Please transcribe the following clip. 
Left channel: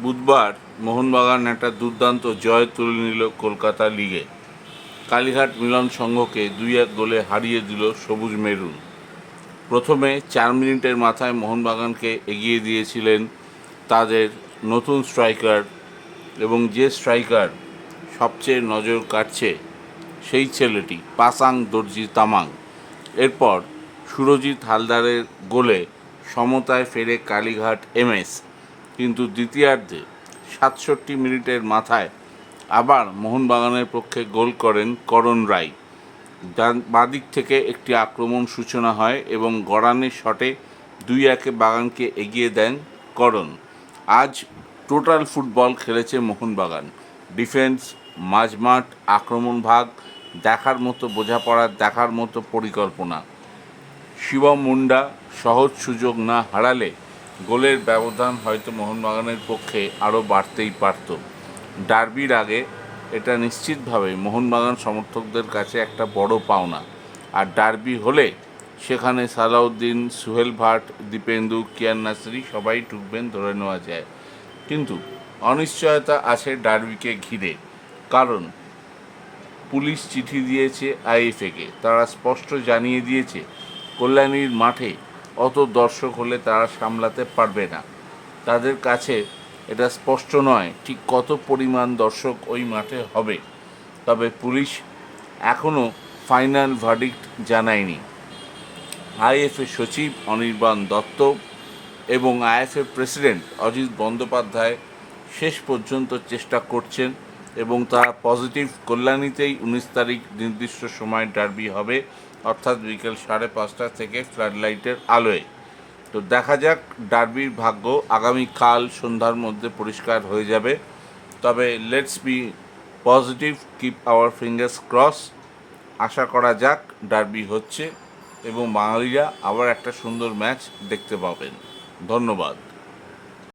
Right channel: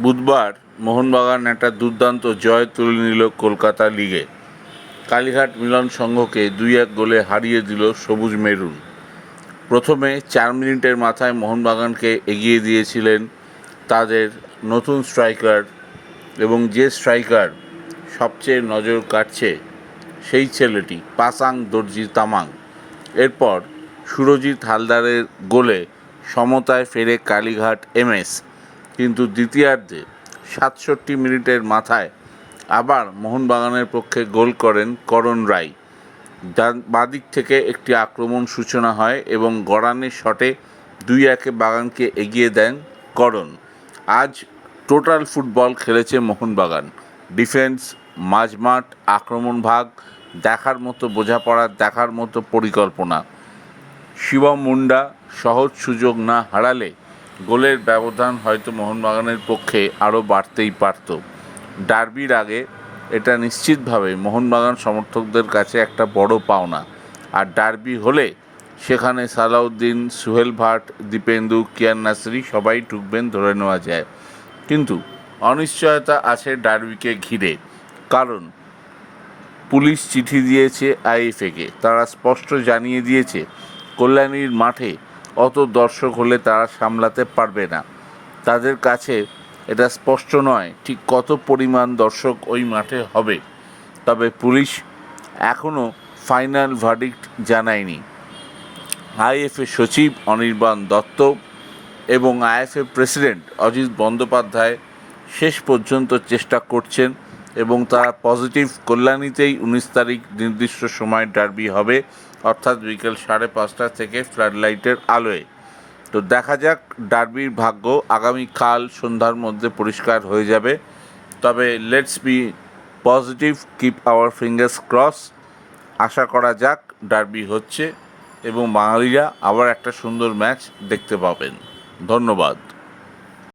বুধবার মোহনবাগান একটা দুর্দান্ত জয় তুলে নিল কলকাতা লিগে। কালীঘাট মিলন সংঘকে দুই এক গোলে হারিয়ে দিল সবুজ মেরুন। প্রথমে চার মিনিটের মাথায় মোহনবাগানকে এগিয়ে দিয়েছিলেন তাদের নতুন স্ট্রাইকার এবং যে স্ট্রাইকার সবচেয়ে নজর কাটছে সেই ছেলেটি, পাসাং দর্জি তামাং। এরপর সুরজিৎ হালদারের গোলে সমতায় ফেরে কালীঘাট এমএস কিন্তু দ্বিতীয়ার্ধে সাতষট্টি মিনিটের মাথায় আবার মোহনবাগানের পক্ষে গোল করেন করণ রায়। ডান বাদিক থেকে একটি আক্রমণ সূচনা হয় এবং গড়ানের শটে দুই একে বাগানকে এগিয়ে দেন করণ। আজ টোটাল ফুটবল খেলেছে মোহনবাগান। ডিফেন্স, মাঝমাঠ, আক্রমণ ভাগ, দেখার মতো বোঝাপড়া, দেখার মতো পরিকল্পনা। শিবম মুন্ডা সহজ সুযোগ না হারালে গোলের ব্যবধান হয়তো মোহনবাগানের পক্ষে আরও বাড়তেই পারত। ডার্বির আগে এটা নিশ্চিতভাবে মোহনবাগান সমর্থকদের কাছে একটা বড় পাওনা। আর ডার্বি হলে সেখানে সালাউদ্দিন, সুহেল ভাট, দীপেন্দু, কিয়ান নাসরি সবাই ঢুকবেন ধরে নেওয়া যায়। কিন্তু অনিশ্চয়তা আছে ডার্বিকে ঘিরে। কারণ পুলিশ চিঠি দিয়েছে আইএফএকে তারা স্পষ্ট জানিয়ে দিয়েছে, কল্যাণীর মাঠে অত দর্শক হলে তারা সামলাতে পারবে না। তাদের কাছে এটা স্পষ্ট নয় ঠিক কত পরিমাণ দর্শক ওই মাঠে হবে। তবে পুলিশ এখনও ফাইনাল ভার্ডিক্ট জানায়নি। আইএফএ সচিব অনির্বাণ দত্ত এবং আইএফএ প্রেসিডেন্ট অজিত বন্দ্যোপাধ্যায় শেষ পর্যন্ত চেষ্টা করছেন এবং তারা পজিটিভ কল্যাণীতেই উনিশ তারিখ নির্দিষ্ট সময় ডার্বি হবে। অর্থাৎ বিকেল সাড়ে পাঁচটা থেকে ফ্লাড লাইটের আলোয়। তো দেখা যাক ডার্বির ভাগ্য আগামীকাল সন্ধ্যার মধ্যে পরিষ্কার হয়ে যাবে। তবে let's be positive keep our fingers cross আশা করা যাক ডার্বি হচ্ছে এবং বাঙালিরা আবার একটা সুন্দর ম্যাচ দেখতে পাবেন। ধন্যবাদ।